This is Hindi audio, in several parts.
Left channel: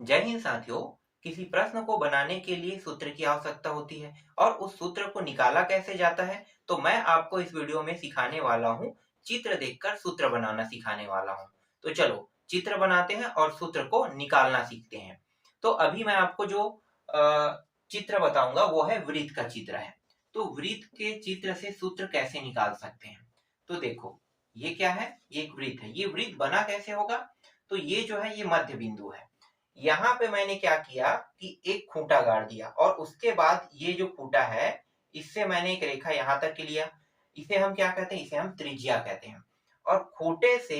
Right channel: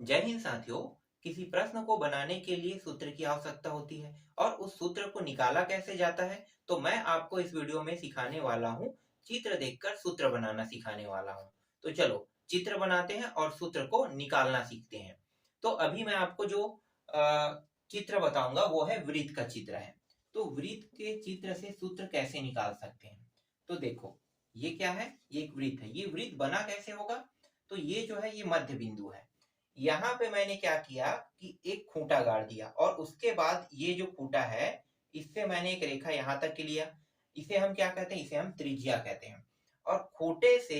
जय हिंद साथियों। किसी प्रश्न को बनाने के लिए सूत्र की आवश्यकता होती है और उस सूत्र को निकाला कैसे जाता है, तो मैं आपको इस वीडियो में सिखाने वाला हूँ। चित्र देखकर सूत्र बनाना सिखाने वाला हूँ। तो चलो चित्र बनाते हैं और सूत्र को निकालना सीखते हैं। तो अभी मैं आपको जो चित्र बताऊंगा वो है वृत्त का चित्र है। तो वृत्त के चित्र से सूत्र कैसे निकाल सकते हैं, तो देखो ये क्या है, ये एक वृत्त है। ये वृत्त बना कैसे होगा, तो ये जो है ये मध्य बिंदु है। यहाँ पे मैंने क्या किया कि एक खूंटा गाड़ दिया और उसके बाद ये जो खूंटा है इससे मैंने एक रेखा यहाँ तक की लिया। इसे हम क्या कहते हैं, इसे हम त्रिज्या कहते हैं। और खूंटे से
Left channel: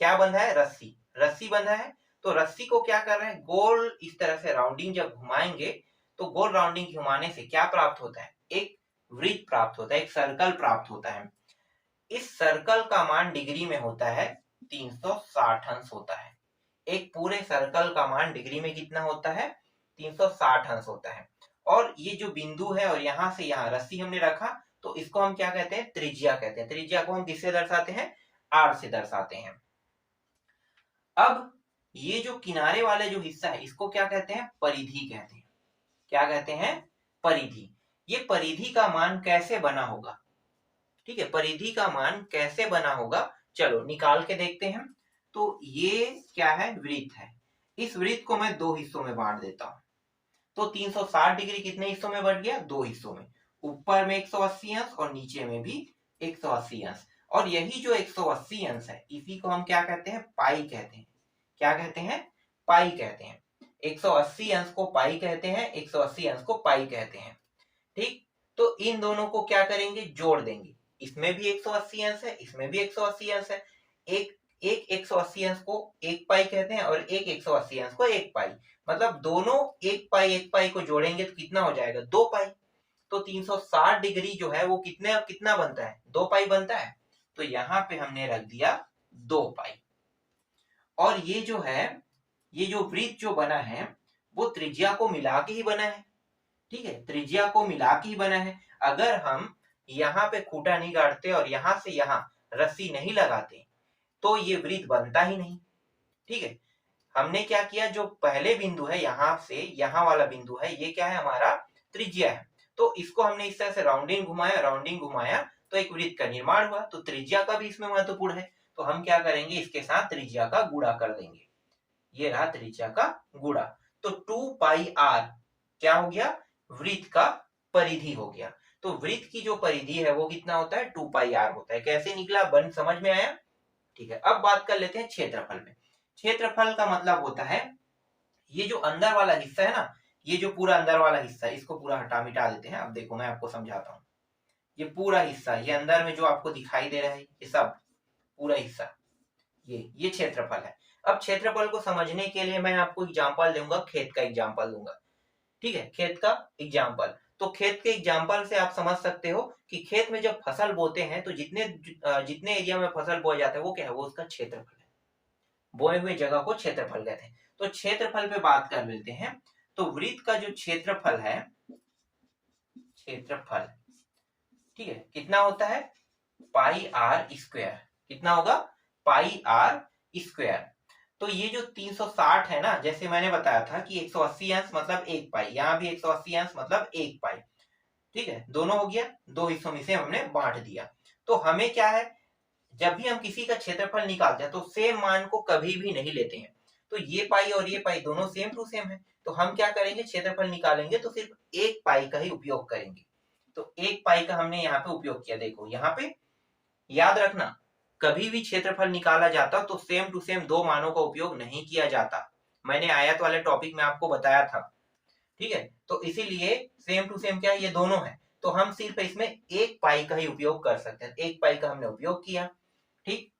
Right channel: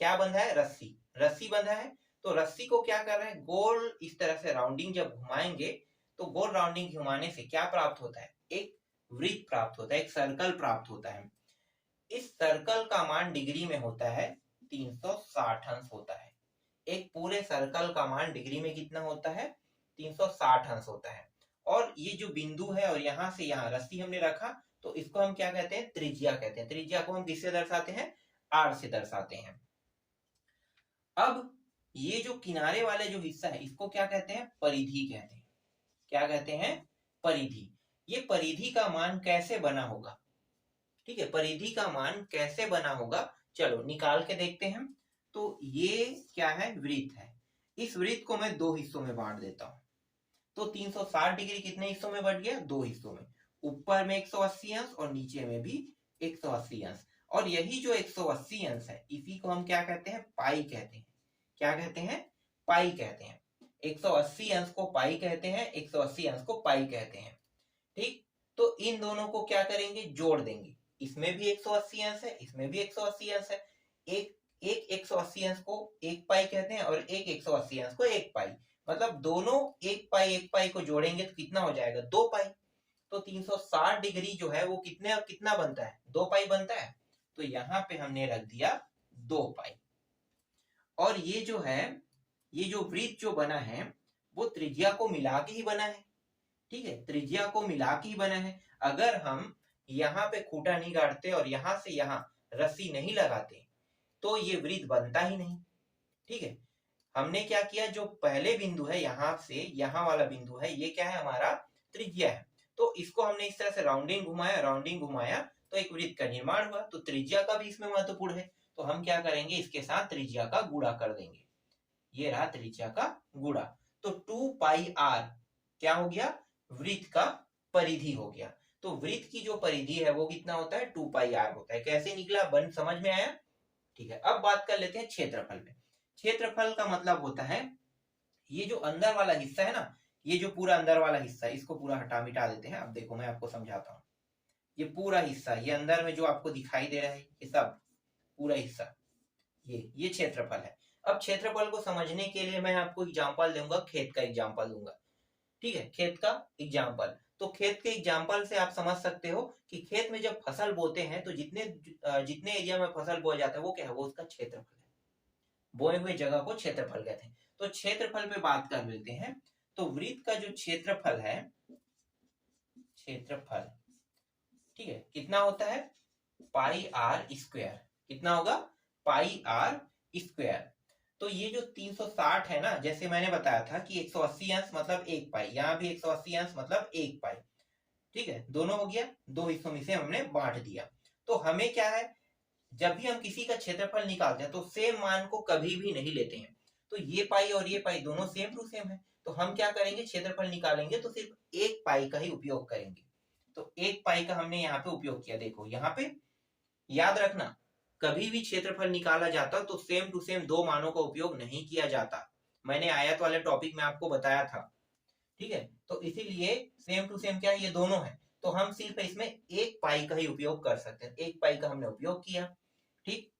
क्या बंधा है, रस्सी, रस्सी बंधा है। तो रस्सी को क्या कर रहे हैं, गोल इस तरह से राउंडिंग जब घुमाएंगे तो गोल राउंडिंग घुमाने से क्या प्राप्त होता है, एक वृत्त प्राप्त होता है, एक सर्कल प्राप्त होता है। इस सर्कल का मान डिग्री में होता है 360 अंश होता है। एक पूरे सर्कल का मान डिग्री में कितना होता है, 360 अंश होता है। और ये जो बिंदु है और यहां से यहां रस्सी हमने रखा, तो इसको हम क्या कहते हैं, त्रिज्या कहते हैं। त्रिज्या को हम किससे दर्शाते हैं, आर से दर्शाते हैं। अब ये जो किनारे वाला जो हिस्सा है इसको क्या कहते हैं, परिधि कहते हैं। क्या कहते हैं, परिधि। ये परिधि का मान कैसे बना होगा, ठीक है, परिधि का मान कैसे बना होगा, चलो निकाल के देखते हैं। तो ये क्या है, वृत्त है। इस वृत्त को मैं दो हिस्सों में बांट देता हूं। तो 360 डिग्री कितने हिस्सों में बढ़ गया, दो हिस्सों में। ऊपर में 180 अंश और नीचे में भी 180 अंश। और यही जो 180 अंश है इसी को हम क्या कहते हैं, पाई कहते हैं। क्या कहते हैं, पाई कहते हैं। 180 अंश को पाई कहते हैं, 180 अंश को पाई कहते हैं। ठीक, तो इन दोनों को क्या करेंगे, जोड़ देंगे। इसमें भी 180 अंश है, इसमें भी 180 अंश है। एक एक 180 अंश को एक पाई कहते हैं और एक 180 अंश को एक पाई। मतलब दोनों एक पाई को जोड़ेंगे तो कितना हो जाएगा, दो पाई। तो 360 डिग्री जो है वो कितने कितना बनता है, दो पाई बनता है। तो यहाँ पे हमने रख दिया दो पाई। और ये जो है, ये जो वृत्त जो बना है वो त्रिज्या को मिला के ही बना है। ठीक है, त्रिज्या को मिला के ही बना है। अगर हम यहाँ पे खूंटा नहीं गाड़ते और यहाँ से यहाँ रस्सी नहीं लगाते तो ये वृत्त बनता ही नहीं। ठीक है, हमने क्या किया, जो पहले बिंदु है यहाँ से यहाँ वाला बिंदु है, ये क्या है, हमारा त्रिज्या है। तो इसको हमने इस तरह से राउंडिंग घुमाया, राउंडिंग घुमाया तो एक वृत्त का निर्माण हुआ। तो त्रिज्या का भी इसमें महत्वपूर्ण है। तो हम क्या करेंगे, इसके साथ त्रिज्या का गुणा कर देंगे। ये रहा त्रिज्या का गुणा। तो 2 पाई आर क्या हो गया, वृत्त का परिधि हो गया। तो वृत्त की जो परिधि है वो कितना होता है, 2 पाई आर होता है। कैसे निकला, बन समझ में आया। ठीक है, अब बात कर लेते हैं क्षेत्रफल में। क्षेत्रफल का मतलब होता है, ये जो अंदर वाला हिस्सा है ना, ये जो पूरा अंदर वाला हिस्सा है इसको पूरा हटा मिटा देते हैं। अब देखो मैं आपको समझाता हूँ। ये पूरा हिस्सा, ये अंदर में जो आपको दिखाई दे रहा है ये सब पूरा हिस्सा, ये क्षेत्रफल है। अब क्षेत्रफल को समझने के लिए मैं आपको एग्जांपल दूंगा, खेत का एग्जांपल दूंगा। ठीक है, खेत का एग्जाम्पल। तो खेत के एग्जाम्पल से आप समझ सकते हो कि खेत में जब फसल बोते हैं तो जितने जितने एरिया में फसल बोया जाता है वो क्या है, वो उसका क्षेत्रफल है। बोए हुए जगह को क्षेत्रफल कहते हैं। तो क्षेत्रफल पे बात कर लेते हैं। तो वृत्त का जो क्षेत्रफल है, क्षेत्रफल, ठीक है, कितना होता है, पाई आर स्क्वायर। कितना होगा, पाई आर स्क्वायर। तो ये जो 360 है ना, जैसे मैंने बताया था कि 180 अंश मतलब एक पाई, यहाँ भी 180 अंश मतलब एक पाई। ठीक है, दोनों हो गया, दो हिस्सों में से हमने बांट दिया। तो हमें क्या है, जब भी हम किसी का क्षेत्रफल निकालते हैं तो सेम मान को कभी भी नहीं लेते हैं। तो ये पाई और ये पाई दोनों सेम टू सेम है। तो हम क्या करेंगे, क्षेत्रफल निकालेंगे तो सिर्फ एक पाई का ही उपयोग करेंगे। तो एक पाई का हमने यहाँ पे उपयोग किया। देखो यहाँ पे याद रखना, कभी भी क्षेत्रफल निकाला जाता तो सेम टू सेम दो मानों का उपयोग नहीं किया जाता। मैंने आयत वाले टॉपिक में आपको बताया था। ठीक है, तो इसीलिए सेम टू सेम क्या, ये दोनों है। तो हम सिर्फ इसमें एक पाई का ही उपयोग कर सकते हैं। एक पाई का हमने उपयोग किया। ठीक,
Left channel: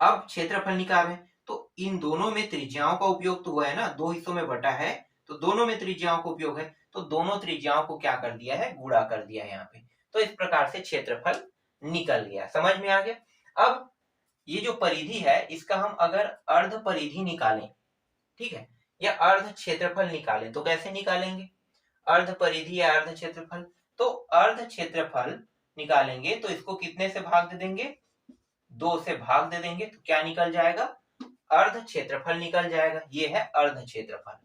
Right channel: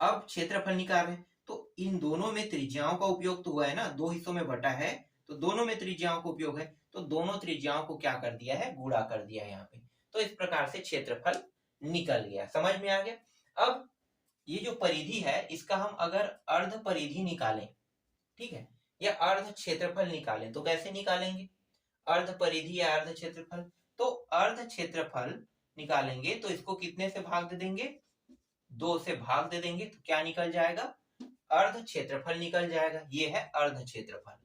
अब क्षेत्रफल निकालें। तो इन दोनों में त्रिज्याओं का उपयोग तो हुआ है ना, दो हिस्सों में बटा है तो दोनों में त्रिज्याओं का उपयोग है। तो दोनों त्रिज्याओं को क्या कर दिया है, गुणा कर दिया यहाँ पे। तो इस प्रकार से क्षेत्रफल निकल गया, समझ में आ गया। अब ये जो परिधि है इसका हम अगर अर्ध परिधि निकालें, ठीक है, या अर्ध क्षेत्रफल निकालें तो कैसे निकालेंगे, अर्ध परिधि या अर्ध क्षेत्रफल। तो अर्ध क्षेत्रफल निकालेंगे तो इसको कितने से भाग दे देंगे, दो से भाग दे देंगे तो क्या निकल जाएगा, अर्ध क्षेत्रफल निकल जाएगा। ये है अर्ध क्षेत्रफल,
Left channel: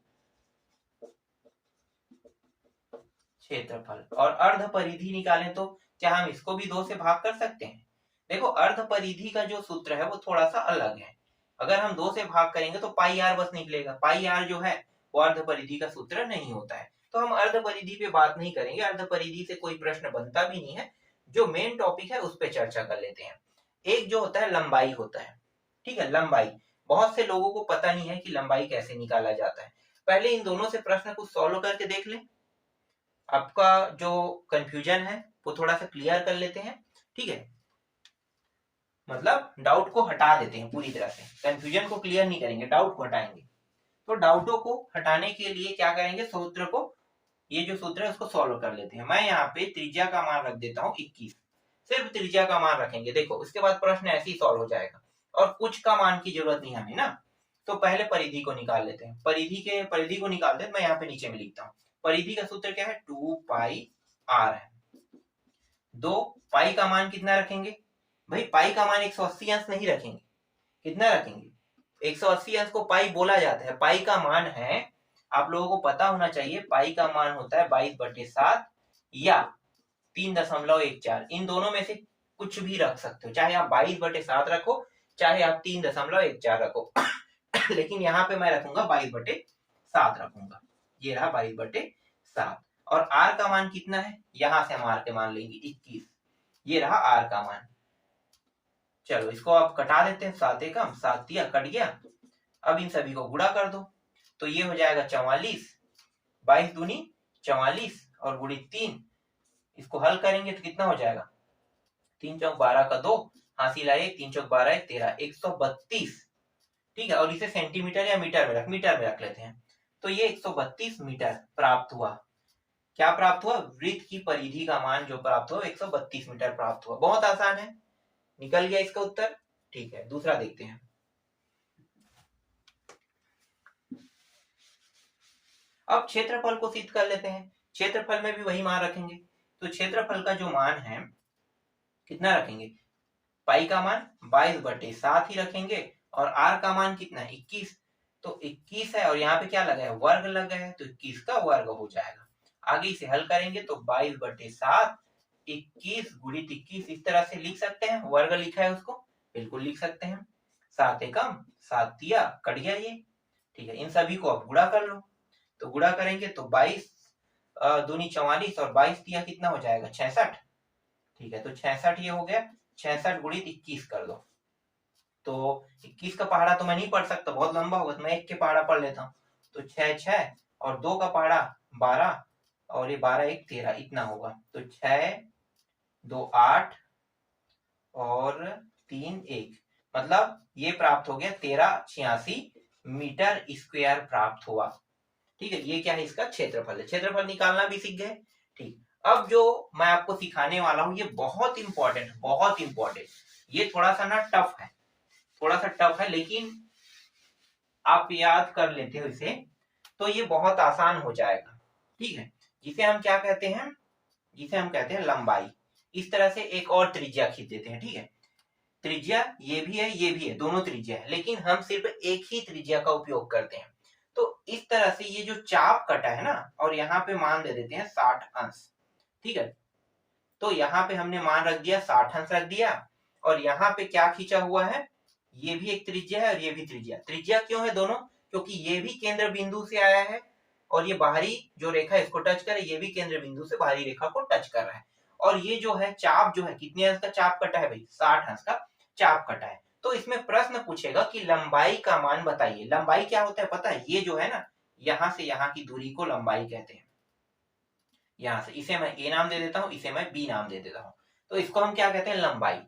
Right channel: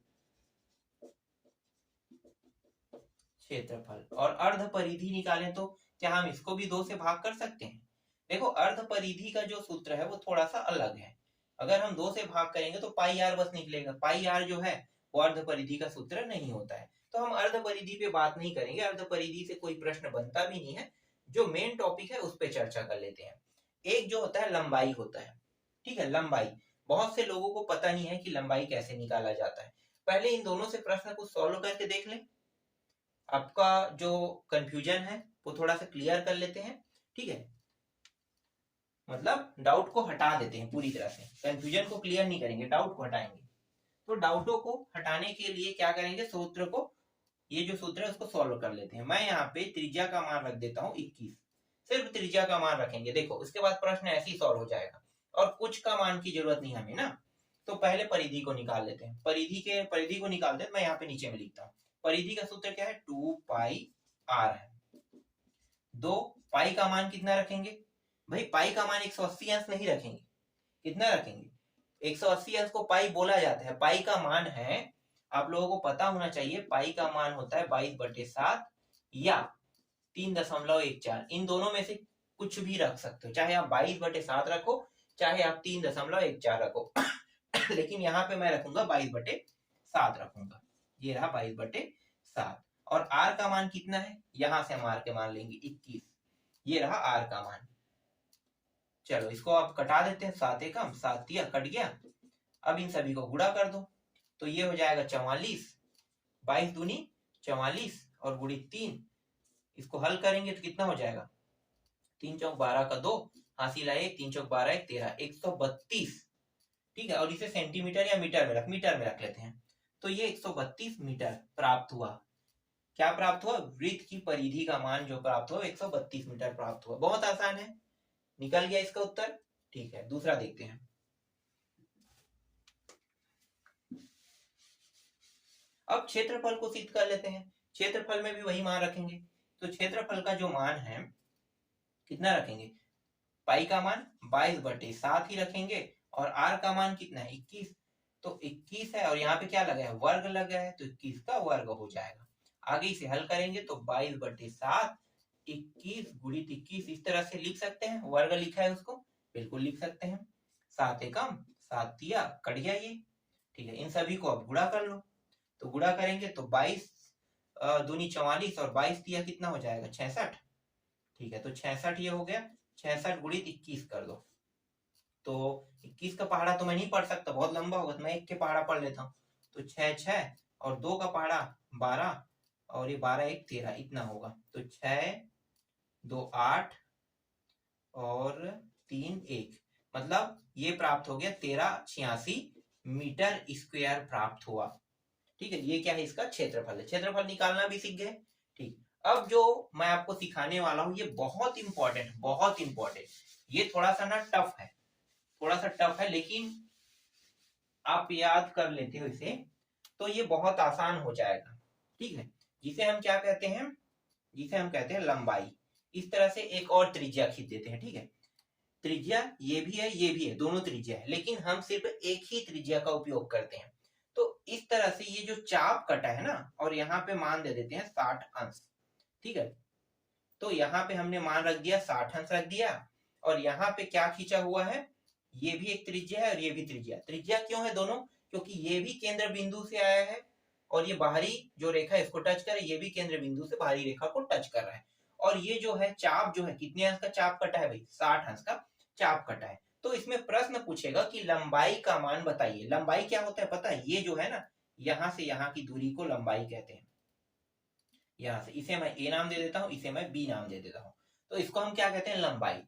और अर्ध परिधि निकालें तो क्या हम इसको भी 2 से भाग कर सकते हैं? देखो अर्ध परिधि का जो सूत्र है वो थोड़ा सा अलग है। अगर हम 2 से भाग करेंगे तो पाई आर बस निकलेगा। पाई आर जो है वो अर्ध परिधि का सूत्र नहीं होता है। तो हम अर्ध परिधि पे बात नहीं करेंगे, अर्ध परिधि से कोई प्रश्न बनता भी नहीं है। जो मेन टॉपिक है उस पर चर्चा कर लेते हैं। एक जो होता है लंबाई होता है, ठीक है। लंबाई बहुत से लोगों को पता नहीं है कि लंबाई कैसे निकाला जाता है। पहले इन दोनों से प्रश्न को सॉल्व करके देख लें, आपका जो कंफ्यूजन है वो थोड़ा सा क्लियर कर लेते हैं, ठीक है। मतलब डाउट को हटा देते हैं पूरी तरह से, कंफ्यूजन को क्लियर नहीं करेंगे, डाउट को हटाएंगे। तो डाउटों को हटाने के लिए क्या करेंगे, सूत्र को, ये जो सूत्र है उसको सॉल्व कर लेते हैं। मैं यहाँ पे त्रिज्या का मान रख देता हूँ 21, सिर्फ त्रिज्या का मान रखेंगे। देखो उसके बाद प्रश्न ऐसे ही सॉल्व हो जाएगा और कुछ का मान की जरूरत नहीं हमें ना। तो पहले परिधि को निकाल लेते हैं। परिधि को निकालते हैं, मैं यहाँ पे नीचे में लिखता हूँ। परिधि का सूत्र क्या है, 2 पाई आर है। 2 पाई का मान कितना रखेंगे भाई, पाई का मान 180 अंश नहीं रखेंगे, कितना रखेंगे 180 अंश को पाई बोला जाता है। पाई का मान है, आप लोगों को पता होना चाहिए, पाई का मान होता है 22/7 या 3.14। इन दोनों में से कुछ भी रख सकते हो, चाहे आप 22/7 रखो चाहे आप 3.14 रखो लेकिन यहाँ पे मैं रखूंगा 22/7 रखूंगा। ये रहा 22/7। और आर का मान कितना है, यहां से हम आर के मान लेंगे 21। ये रहा आर का मान। चलो इसको आप कटा देते हैं, 7 एकम 7 दिया, कट गया। अब इन सभी को गुणा कर दो तो ये हो जाएगा 44, 22 दूनी 44 और गुणित 3। इसको हल करेंगे तो कितना हो जाएगा, 3 चौक 12 का 2, हासिल आए 3 चौक 12 13, 132, ठीक है। और इसे सेंटीमीटर या मीटर में रख लेते हैं। तो ये 132 मीटर प्राप्त हुआ। क्या प्राप्त हुआ, वृत्त की परिधि का मान जो प्राप्त हुआ 132 मीटर प्राप्त हुआ। बहुत आसान है, निकल गया इसका उत्तर, ठीक है। दूसरा देखते हैं। अब क्षेत्रफल को सिद्ध कर लेते हैं। क्षेत्रफल में भी वही मान रखेंगे। तो क्षेत्रफल का जो मान है कितना रखेंगे, पाई का मान 22/7 ही रखेंगे और आर का मान कितना है 21। तो 21 है और यहाँ पे क्या लगा है, वर्ग लगा है, तो 21 का वर्ग हो जाएगा। आगे इसे हल करेंगे तो 22/7 21 गुणित 21 इस तरह से लिख सकते हैं। वर्ग लिखा है उसको, बिल्कुल लिख सकते हैं। 7 एकम 7 दिया, कट गया ये, ठीक है। इन सभी को अब गुणा कर लो। तो गुणा करेंगे तो 22 दूनी 44 और 22 दिया, कितना हो जाएगा 66, ठीक है। तो 66 ये हो गया। 66 गुणित 21 कर दो तो 21 का पहाड़ा तो मैं नहीं पढ़ सकता, बहुत लंबा होगा, तो मैं 1 के पहाड़ा पढ़ लेता हूँ। तो 6 6 और 2 का पहाड़ा 12 और ये 12 1 13 इतना होगा। तो 6 2 8 और 3 1, मतलब ये प्राप्त हो गया 1386 मीटर स्क्वायर प्राप्त हुआ, ठीक है। ये क्या है, इसका क्षेत्रफल है। क्षेत्रफल निकालना भी सीख गए, ठीक। अब जो मैं आपको सिखाने वाला हूँ ये बहुत इंपॉर्टेंट, बहुत इंपॉर्टेंट। ये थोड़ा सा ना टफ है, थोड़ा सा टफ है, लेकिन आप याद कर लेते हो इसे तो ये बहुत आसान हो जाएगा, ठीक है। जिसे हम क्या कहते हैं, जिसे हम कहते हैं लंबाई। इस तरह से एक और त्रिज्या खींच देते हैं, ठीक है। त्रिज्या ये भी है, ये भी है, दोनों त्रिज्या है, लेकिन हम सिर्फ एक ही त्रिज्या का उपयोग करते हैं। तो इस तरह से ये जो चाप कटा है ना, और यहाँ पे मान दे देते हैं 60 अंश, ठीक है। तो यहाँ पे हमने मान रख दिया 60 अंश रख दिया, और यहाँ पे क्या खींचा हुआ है, ये भी एक त्रिज्या है और ये भी त्रिज्या। त्रिज्या क्यों है दोनों, क्योंकि ये भी केंद्र बिंदु से आया है और ये बाहरी जो रेखा इसको टच करे, ये भी केंद्र बिंदु से बाहरी रेखा को टच कर रहा है। और ये जो है चाप जो है, कितने अंश का चाप कटा है भाई, 60 अंश का चाप कटा है। तो इसमें प्रश्न पूछेगा कि लंबाई का मान बताइए। लंबाई क्या होता है पता है, ये जो है ना, यहाँ से यहाँ की दूरी को लंबाई कहते हैं। यहाँ से इसे मैं ए नाम दे देता हूँ, इसे मैं बी नाम दे देता हूँ। तो इसको हम क्या कहते हैं, लंबाई।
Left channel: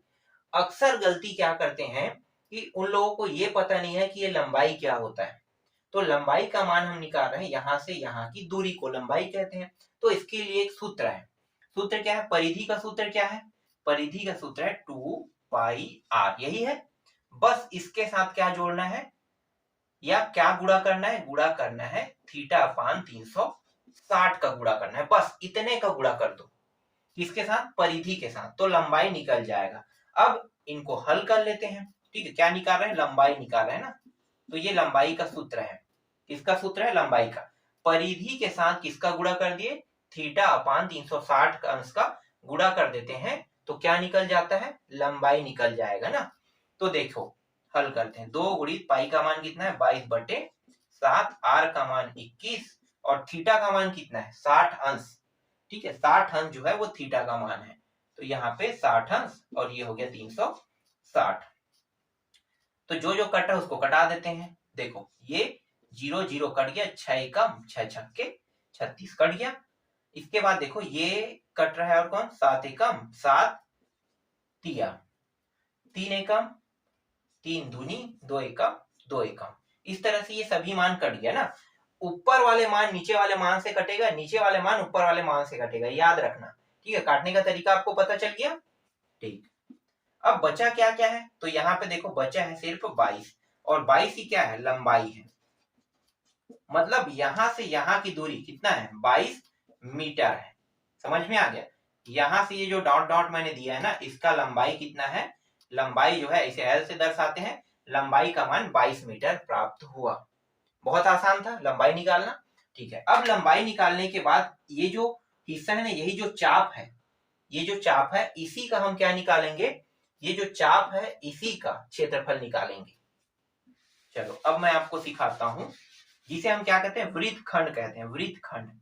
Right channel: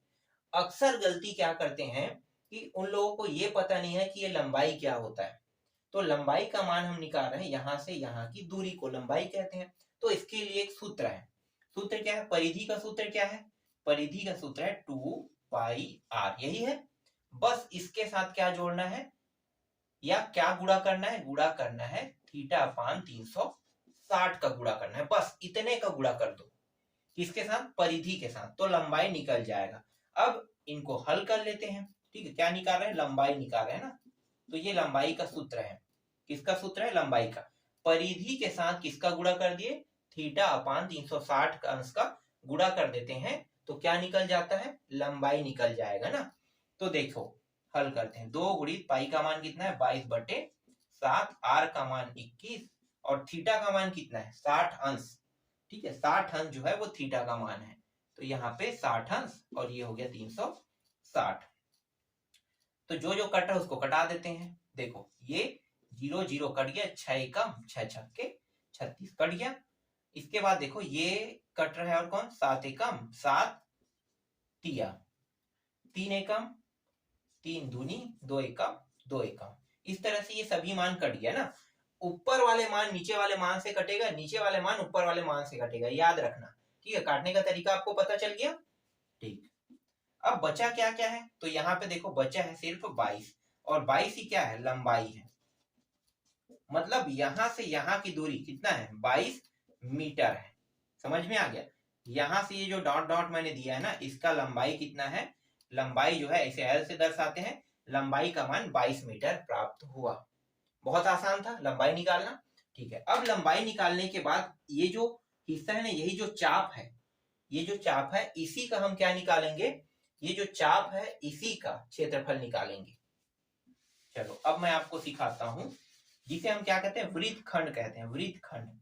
अक्सर गलती क्या करते हैं कि उन लोगों को ये पता नहीं है कि ये लंबाई क्या होता है। तो लंबाई का मान हम निकाल रहे हैं, यहाँ से यहाँ की दूरी को लंबाई कहते हैं। तो इसके लिए एक सूत्र है। सूत्र क्या है, परिधि का सूत्र क्या है, परिधि का सूत्र है 2 पाई आर, यही है। बस इसके साथ क्या जोड़ना है या क्या गुणा करना है, गुणा करना है θ/360 का गुणा करना है, बस इतने का गुणा कर दो। किसके साथ, परिधि के साथ, तो लंबाई निकल जाएगा। अब इनको हल कर लेते हैं, ठीक है। क्या निकाल रहे हैं, लंबाई निकाल रहे हैं ना। तो ये लंबाई का सूत्र है। किसका सूत्र है? लंबाई का। परिधि के साथ किसका गुणा कर दिए? थीटा अपान 360 का अंश का गुणा कर देते हैं तो क्या निकल जाता है? लंबाई निकल जाएगा ना। तो देखो हल करते हैं। 2 गुणित पाई का मान कितना है? 22/7, आर का मान 21 और थीटा का मान कितना है? 60 अंश। ठीक है, 60 अंश जो है वो थीटा का मान है। तो यहाँ पे 60 अंश और ये हो गया 360। तो जो जो कटा उसको कटा देते हैं। देखो ये 0 0 कट गया, 6 एकम 6 छक्के 36 कट गया। इसके बाद देखो ये कट रहा है और कौन? 7 एकम 7 तिया, 3 एकम 3 दूनी 2 एकम 2 एकम। इस तरह से ये सभी मान कट गया ना। ऊपर वाले मान नीचे वाले मान से कटेगा, नीचे वाले मान ऊपर वाले मान से कटेगा, याद रखना। ठीक है, काटने का तरीका आपको पता चल गया। ठीक, अब बचा क्या क्या है? तो यहाँ पे देखो बचा है सिर्फ 22 और 22 ही क्या है? लंबाई है। मतलब यहां से यहाँ की दूरी कितना है? 22 मीटर है। समझ में आ गया? यहां से ये जो डॉट डॉट मैंने दिया है ना, इसका लंबाई कितना है? लंबाई जो है इसे एल से दर्शाते हैं। लंबाई का मान 22 मीटर प्राप्त हुआ। बहुत आसान था लंबाई निकालना। ठीक है, अब लंबाई निकालने के बाद ये जो हिस्सा है ना, यही जो चाप है, ये जो चाप है इसी का हम क्या निकालेंगे? ये जो चाप है इसी का क्षेत्रफल निकालेंगे। चलो अब मैं आपको सिखाता हूं, जिसे हम क्या कहते हैं? वृत्तखंड कहते हैं। वृत्तखंड,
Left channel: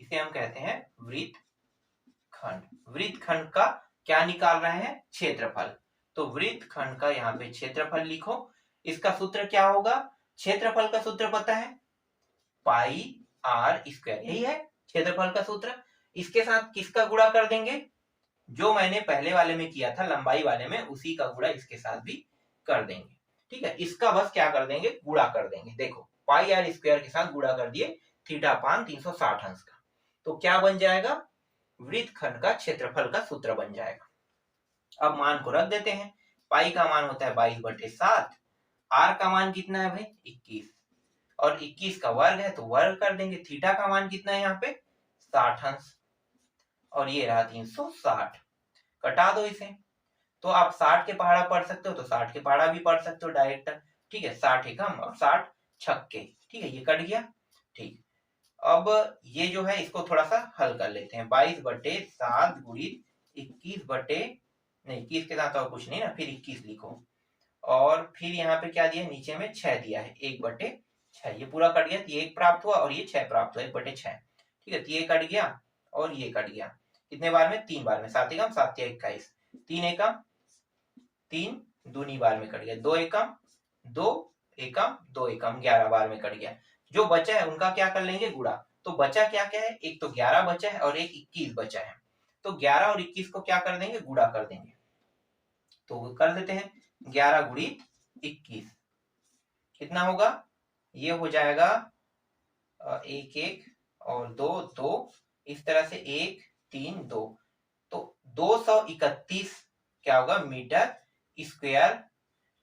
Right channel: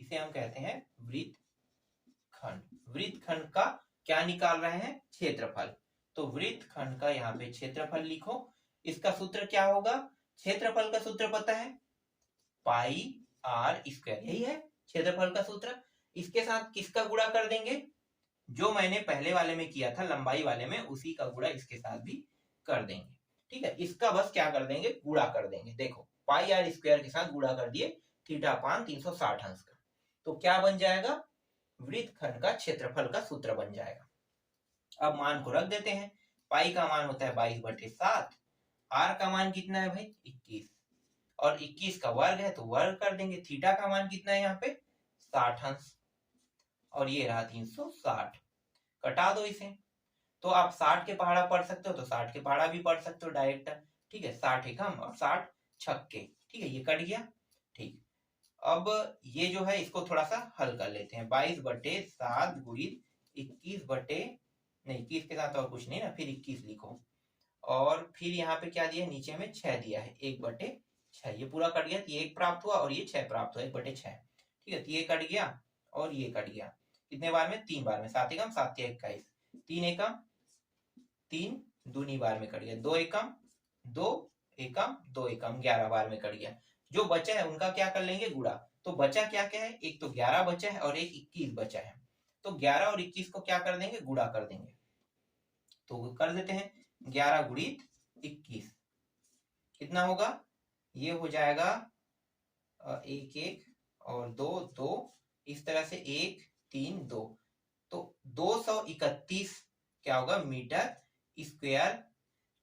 इसे हम कहते हैं वृत्तखंड। वृत्तखंड का क्या निकाल रहे हैं? क्षेत्रफल। तो वृत्तखंड का यहाँ पे क्षेत्रफल लिखो। इसका सूत्र क्या होगा? क्षेत्रफल का सूत्र पता है? पाई आर स्क्वायर, यही है क्षेत्रफल का सूत्र। इसके साथ किसका गुणा कर देंगे? जो मैंने पहले वाले में किया था लंबाई वाले में, उसी का गुणा इसके साथ भी कर देंगे। ठीक है, इसका बस क्या कर देंगे? गुणा कर देंगे। देखो पाई आर स्क्वायर के साथ गुणा कर दिए थीटा अपान 360 अंश का, तो क्या बन जाएगा? वृत्तखंड का क्षेत्रफल का सूत्र बन जाएगा। अब मान को रख देते हैं। पाई का मान होता है 22/7, आर का मान कितना है भाई? 21 और 21 का वर्ग है तो वर्ग कर देंगे। थीटा का मान कितना है यहाँ पे? 60 अंश और ये रहा 360। कटा दो इसे। तो आप 60 के पहाड़ा पढ़ सकते हो तो 60 के पहाड़ा भी पढ़ सकते हो डायरेक्ट। ठीक है, 60 एकम और 60 छक्के। ठीक है, ये कट गया। ठीक, अब ये जो है इसको थोड़ा सा हल कर लेते हैं। 22/7 गुणित 21 के साथ और कुछ नहीं ना, फिर 21 लिखो और फिर यहाँ पे क्या दिया? नीचे में 6 दिया है, 1/6। ये पूरा कट गया तो ये 1 प्राप्त हुआ और ये 6 प्राप्त हुआ, 1/6। ठीक है, तो ये कट गया और ये कट गया। कितने बार में? 3 बार में। 7 एकम 7 तिया 21, 3 एकम 3 दूनी बार में कट गया, 2 एकम 2 एकम 2 एकम 11 बार में कट गया। जो बचा है उनका क्या कर लेंगे? गुणा। तो बचा क्या क्या है? एक तो 11 बचा है और एक 21 बचा है। तो 11 और 21 को क्या कर देंगे? गुणा कर देंगे। तो कर देते हैं 11 गुणित 21 कितना होगा? ये हो जाएगा 1 1 और 2 2, इस तरह से 1 3 2, तो 231 क्या होगा? मीटर स्क्वायर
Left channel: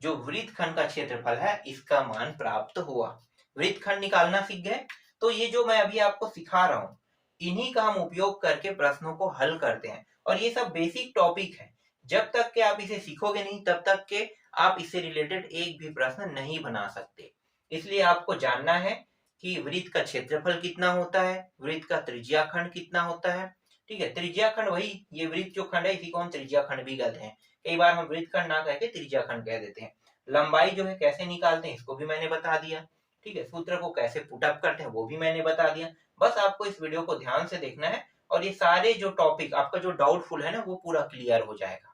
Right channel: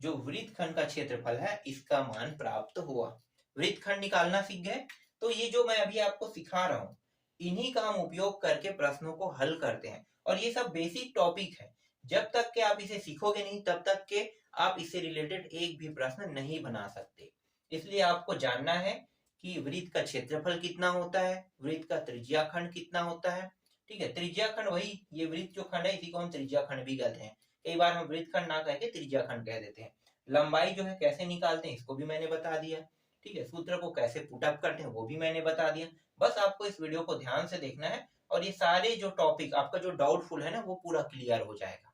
जो वृत्तखंड का क्षेत्रफल है इसका मान प्राप्त हुआ। वृत्तखंड निकालना सीख गए। तो ये जो मैं अभी आपको सिखा रहा हूं इन्हीं का हम उपयोग करके प्रश्नों को हल करते हैं और ये सब बेसिक टॉपिक है। जब तक के आप इसे सीखोगे नहीं तब तक के आप इससे रिलेटेड एक भी प्रश्न नहीं बना सकते। इसलिए आपको जानना है कि वृत्त का क्षेत्रफल कितना होता है, वृत्त का त्रिज्याखंड कितना होता है। ठीक है, त्रिज्याखंड वही ये वृत्त जो खंड है इसी को हम त्रिज्याखंड भी कहते हैं। कई बार हम वृत्तखंड ना कह के त्रिज्याखंड कह देते हैं। लंबाई जो है कैसे निकालते हैं इसको भी मैंने बता दिया। ठीक है, सूत्र को कैसे पुटअप करते हैं वो भी मैंने बता दिया। बस आपको इस वीडियो को ध्यान से देखना है और ये सारे जो टॉपिक आपका जो डाउटफुल है ना वो पूरा क्लियर हो जाएगा।